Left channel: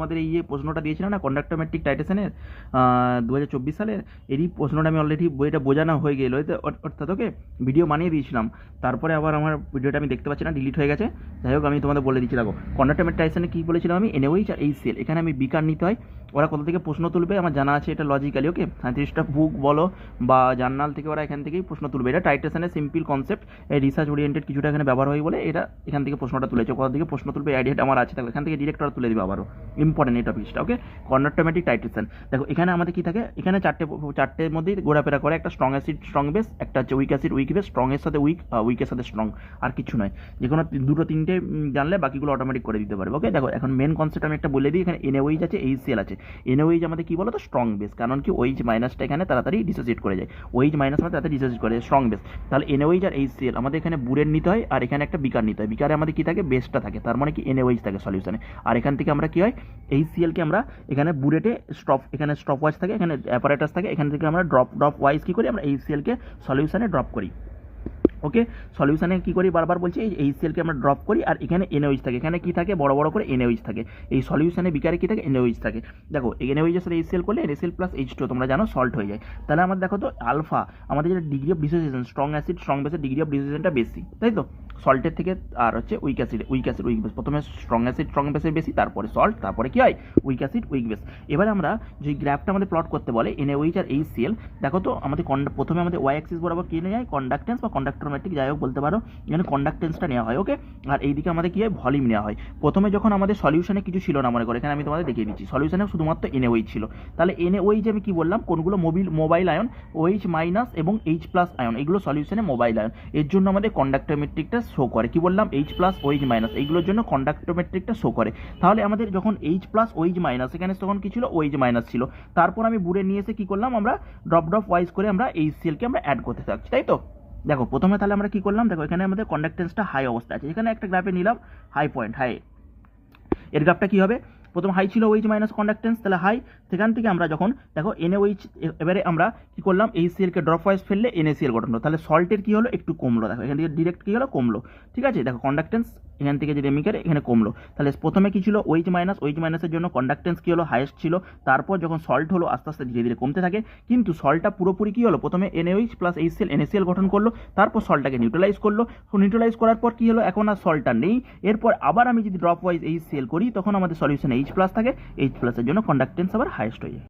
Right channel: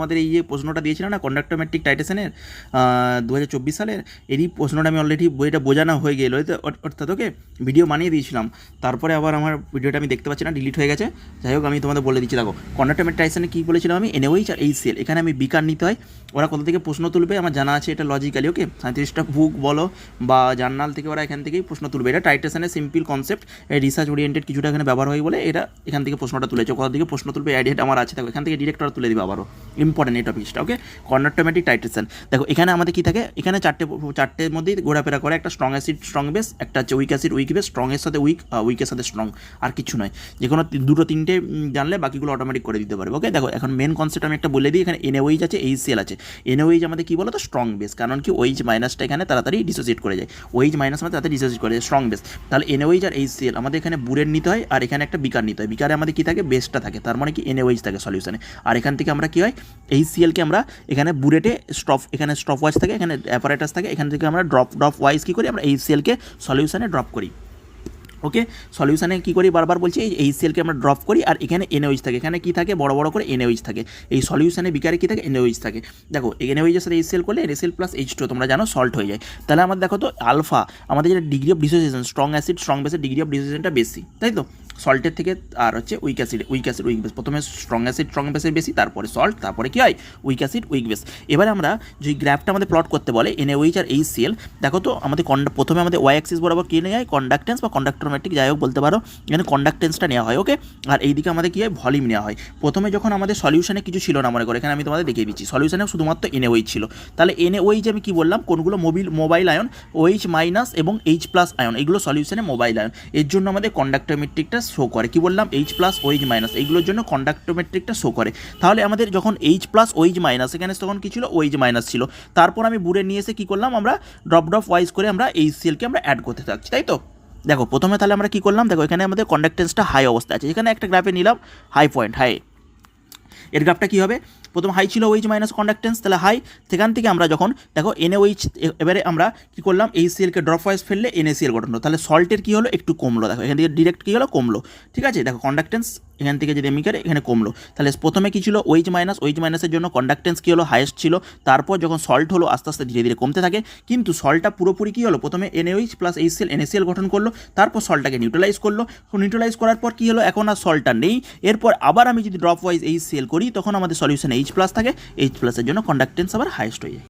তোমাদের এই যে প্রশ্নটা দিয়েছিলাম না কন্ডাক্টোমেট্রিক টাইটেশনের 2024 সালের, এরই প্রশ্নটা আমি অলরেডি বইটা বোঝানো হয়ে গেল, অর্থাৎ ওকে ভিডিও বানিয়ে দিয়েছিলাম, তারপরে আবার আমার ভিডিওটা আমি দেখতে পাচ্ছি না, ডিলিট হয়ে গেছে। যাই হোক আমি তোমাদের বলে দিচ্ছি, দেখো কন্ডাক্টোমেট্রিক টাইটেশনে কী বলেছিলাম আমি, NaOH আর HCl, এখানে আমি বিকার নিতে হয়। ওরা কোথা থেকে প্রশ্ন তুলবে আমার জানা আছে, এটা লজিক্যালি ওকে, সাঁত্রিশটা বুক বলো বা জার্নাল থেকে ওরা এখান থেকেই প্রশ্ন তুলবে। এটা টাইটেশনের সিম্পল কনসেপ্ট, রিসার্চ ওরিয়েন্টেড কিছুটা এখানে ব্যবহার হয় বলে এটা এখান থেকে প্রশ্নটা তুলেছে। কোথা থেকে প্রশ্ন তুলবে আইডিয়া আমার আছে, দেখো এখান থেকে ডিরেক্ট ওরা তুলে দেবে আবারও, ইম্পর্টেন্ট এই টপিকটা ওকে। কন্ডাক্টোমেট্রিক টাইটেশন দেখো এখানে আমাদের কী থাকে, এখানে চারটের মধ্যেই ঘোরাফেরা করে, একটা স্ট্রং অ্যাসিড স্ট্রং বেস, একটা হচ্ছে উইক অ্যাসিড উইক বেস, স্ট্রংয়ের সাথে উইক, উইকের সাথে স্ট্রং, আর কিছু নয়। যে কোনো দুটো তিনটে জানলে বাকিগুলো অটোমেটিক করে দিতে পারবে ওকে। দেখো এখন মেন কনসেপ্ট আমি একটা বলে দিই, এখানে NaOH আছে, HCl আছে। NaOH আমাদের কী বলো তো স্ট্রং বেস, কারণ কি OH মাইনাসটা এখানে তাড়াতাড়ি ডিসোসিয়েট করে যায়, OH মাইনাস মানে তাড়াতাড়ি ডিসোসিয়েট করে যায়, স্ট্রং বেস। তাহলে NaOH আর HCl আমাদের এখানে বুরের নিতে হয়, আর এখানে একটা বিকার নিতে হয়। বিকারে আমাদের কী থাকে, বেসটা থাকে, তার মানে কি NaOH থাকে সলিউশনে। আর এখান থেকে আমরা কী হয়, HClকে আমরা এখানে বুরেটে এখানে স্টপ ওয়াইজ থাকে, এখানে অ্যাপারেটাস থাকে, এখান থেকে আমরা ড্রপ ওয়াইজ কী করি, আমরা HClকে সলিউশনে ড্রপ করি ওকে। সলিউশনে কী করি বারবার বলছি, এই HClকে আমরা ড্রপ করি, আর এখানে NaOH থাকে, এখানে কী থাকে বড় বড় করে NaOH থাকে। এই সলিউশনে বিকারে কী থাকে, NaOH থাকে। দেখো NaOH এর সাথে HCl করলে NaCl প্লাস H2 তোমরা জানো সল্ট হয়ে যায়। তাহলে আমাদের দেখো তো আলফা, আমাদের যেটা degree of dissociation, strong acid strong বেসের ডিগ্রি অফ ডিসোসিয়েশনটা বেশি, তাই তো সল্টের থেকে। আর হচ্ছে উইক অ্যাসিড উইক বেস, প্রথমে স্ট্রং অ্যাসিড স্ট্রং বেসের বেশি, তারপরে সল্ট, তারপরে কী হয় উইক অ্যাসিড উইক বেস। এবার আমরা যে গ্রাফটা আমাদের প্লট করতে বলে NaOH আর HCl, দেখো তো আমাদের প্রথমে আমাদের ওয়াই অ্যাক্সিস বরাবর কী নেওয়া হয়, কন্ডাক্টেন্স বা কন্ডাক্টোমেট্রিক যাই হোক বলতে পারো, এখানে কন্ডাক্টেন্সটা নেওয়া হয় ওকে। আর এইদিকে আমাদের কী হয় ভলিউম নেওয়া হয়। প্রথমে যখন আমাদের সলিউশনে কিছু ছিল না মনে করো, এখানে আমি তোমাদের দেখিয়ে দিচ্ছি, সলিউশনে শুধুমাত্র NaOH ছিল। তাহলে NaOH আমি কী বললাম, কোনগুলো মোবাইল আয়ন, OH মাইনাস এবং H প্লাস আয়ন, এগুলো সলিউশনে মোবাইল আয়ন, এর জন্য আমাদের কন্ডাক্টোমেট্রিকটা শো করে। কী বললাম, H প্লাস OH মাইনাস, এইগুলোর জন্য কন্ডাক্টোমেট্রিকটা শো করে। তাহলে আমাদের যখন H প্লাস OH মাইনাস, এখানে তখন কী ছিল OH মাইনাস ছিল। তারপর আমি বুড়ে নিয়ে এসে কী করলাম, আমরা ড্রপ ওয়াইজ করে আমরা HClকে আমরা অ্যাড করতে থাকছি, তাই তো। দেখো প্রথমে তাহলে আমরা কী করলাম, দেখো এখানে আমাদের কন্ডাক্টেন্সটা হাই অবস্থা আছে, এখানে একটা গ্রাফে নিলাম হাই পয়েন্ট, হাই, এর গ্রাফটা কী হবে, প্রথম হাই ছিল OH মাইনাস কন্ডাক্টেন্স, তাহলে হাই, সেখান থেকে আমরা যখন দেখো NaOH, এবারে আমরা কী করলাম HClকে ড্রপ ওয়াইজ ফেললে NaCl গঠন হলো, তাহলে সল্টের কী হলো একটু কমলো, দেখো এখান থেকে ডিরেক্ট কী হলো কমলো, ঠিক আছে। দেখো কন্ডাক্টেন্স এখান থেকে যদি আমি এখানে কমলো, তাহলে প্রথমে কী ছিল OH মাইনাসের জন্য কন্ডাক্টেন্স কী হলো হাইয়েস্ট ছিল, তারপর যখন সল্ট হলো আস্তে আস্তে ধীরে ধীরে কমতে থাকে, কিন্তু সল্টটা পুরোপুরি কী হলো, প্রথমে NaOH প্লাস HCl NaCl গঠন করলো, তারপর সল্টটাকে নিউট্রালাইজ করলো, নিউট্রালাইজ করার পর কী হলো, এখন আর সল্টটা নেই। এরপর আবার আমি যদি ড্রপ ওয়াইজ HCl করি, তখন আমাদের সলিউশনে H প্লাস থাকে, H প্লাসের জন্য কন্ডাক্টেন্স আবার হাইয়েস্ট হয়ে যায়।